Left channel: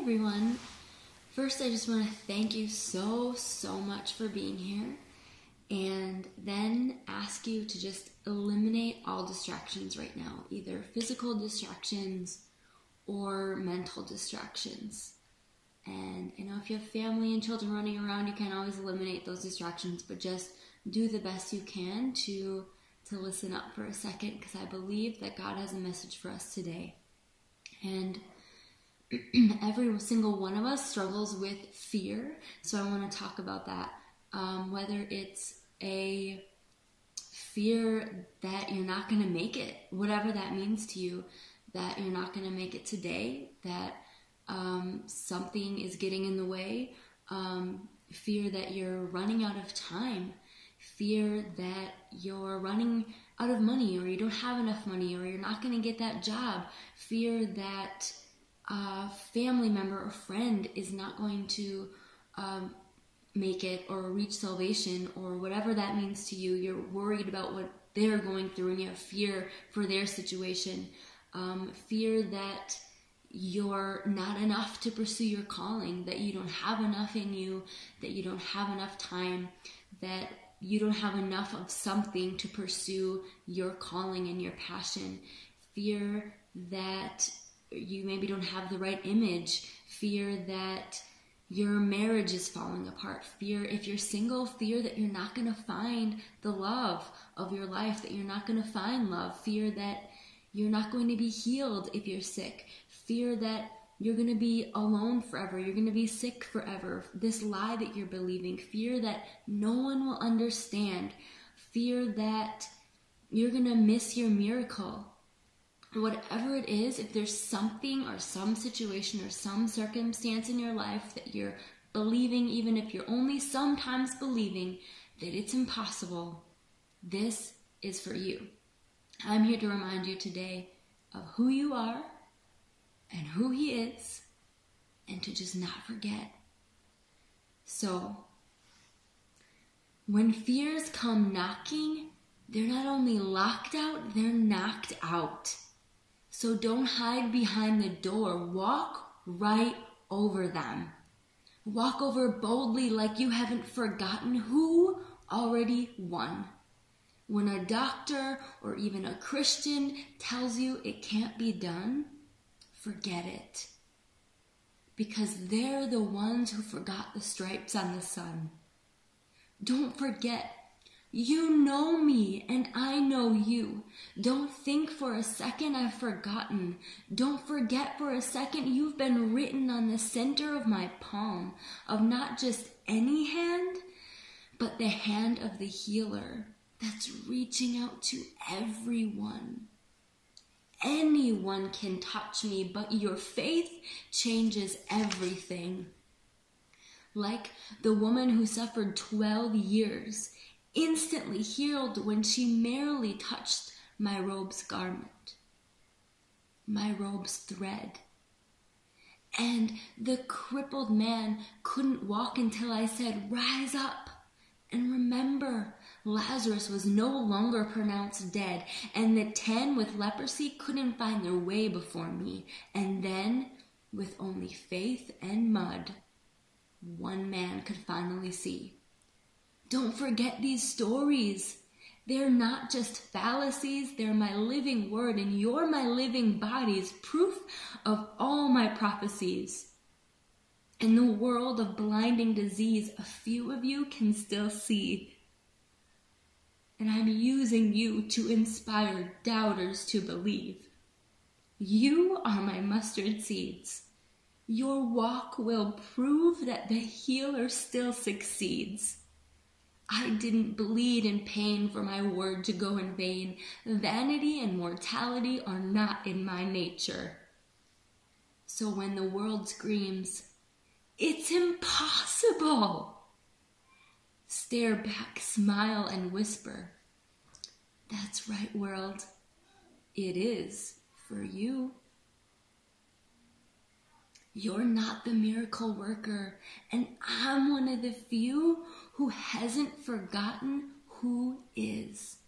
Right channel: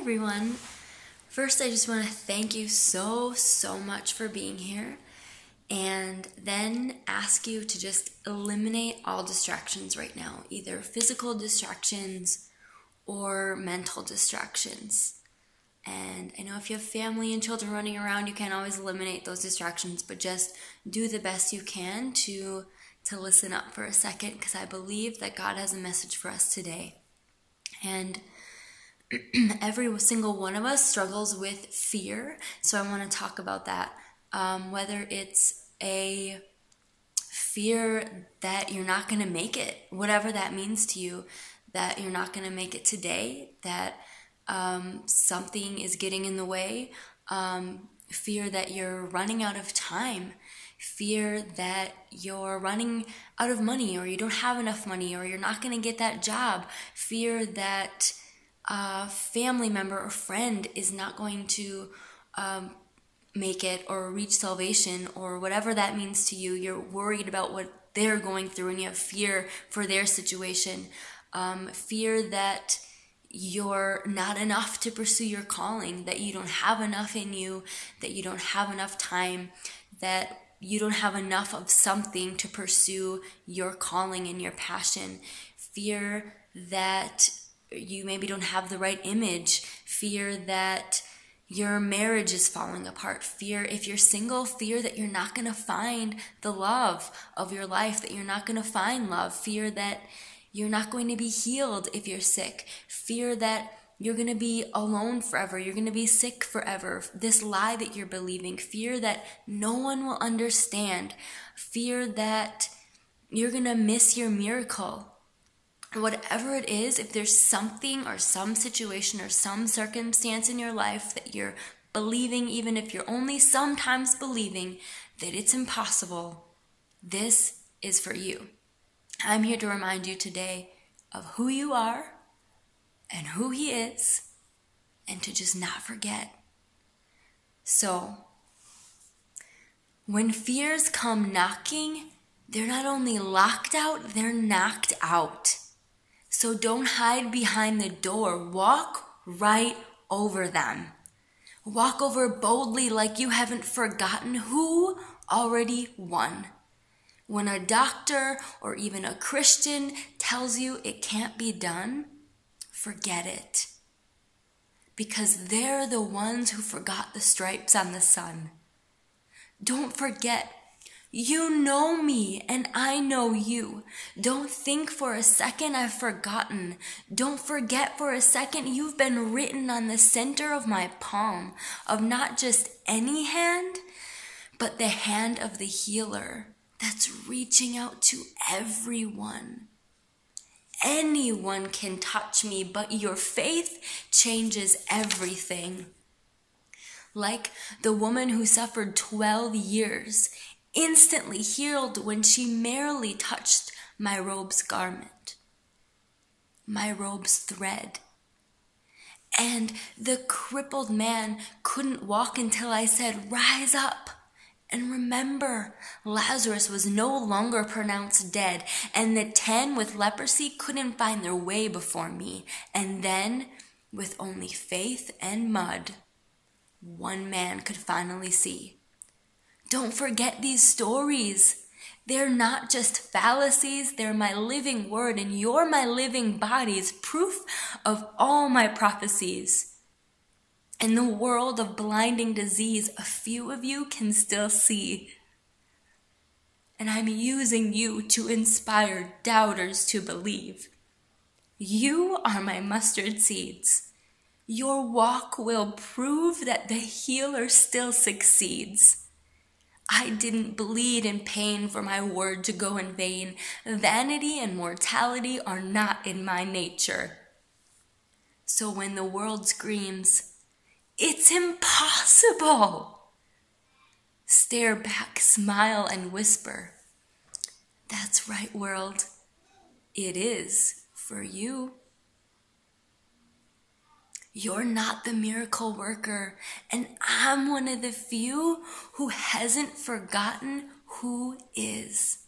everyone. First, I just want to thank you so much for being here, and then ask you to just eliminate all distractions right now, either physical distractions or mental distractions. And I know if you have family and children running around, you can't always eliminate those distractions, but just do the best you can to listen up for a second, because I believe that God has a message for us today. And every single one of us struggles with fear, so I want to talk about that. Whether it's a fear that you're not going to make it, whatever that means to you, that you're not going to make it today, that something is getting in the way, fear that you're running out of time, fear that you're running out of money, or you don't have enough money, or you're not going to get that job, fear that a family member or friend is not going to make it or reach salvation, or whatever that means to you. You're worried about what they're going through and you have fear for their situation. Fear that you're not enough to pursue your calling, that you don't have enough in you, that you don't have enough time, that you don't have enough of something to pursue your calling and your passion. Fear that you maybe don't have the right image. Fear that your marriage is falling apart. Fear, if you're single, fear that you're not going to find the love of your life, that you're not going to find love. Fear that you're not going to be healed if you're sick. Fear that you're going to be alone forever. You're going to be sick forever. This lie that you're believing. Fear that no one will understand. Fear that you're going to miss your miracle. Whatever it is, if there's something or some situation or some circumstance in your life that you're believing, even if you're only sometimes believing that it's impossible, this is for you. I'm here to remind you today of who you are and who He is, and to just not forget. So, when fears come knocking, they're not only locked out, they're knocked out. So don't hide behind the door. Walk right over them. Walk over boldly like you haven't forgotten who already won. When a doctor or even a Christian tells you it can't be done, forget it. Because they're the ones who forgot the stripes on the sun. Don't forget. You know me and I know you. Don't think for a second I've forgotten. Don't forget for a second you've been written on the center of my palm, of not just any hand, but the hand of the healer that's reaching out to everyone. Anyone can touch me, but your faith changes everything. Like the woman who suffered 12 years, instantly healed when she merely touched my robe's garment, my robe's thread. And the crippled man couldn't walk until I said, "Rise up." And remember, Lazarus was no longer pronounced dead, and the 10 with leprosy couldn't find their way before me. And then, with only faith and mud, one man could finally see. Don't forget these stories. They're not just fallacies, they're my living word, and you're my living bodies, proof of all my prophecies. In the world of blinding disease, a few of you can still see. And I'm using you to inspire doubters to believe. You are my mustard seeds. Your walk will prove that the healer still succeeds. I didn't bleed in pain for my word to go in vain. Vanity and mortality are not in my nature. So when the world screams, "It's impossible," stare back, smile, and whisper, "That's right, world. It is for you." You're not the miracle worker, and I'm one of the few who hasn't forgotten who is.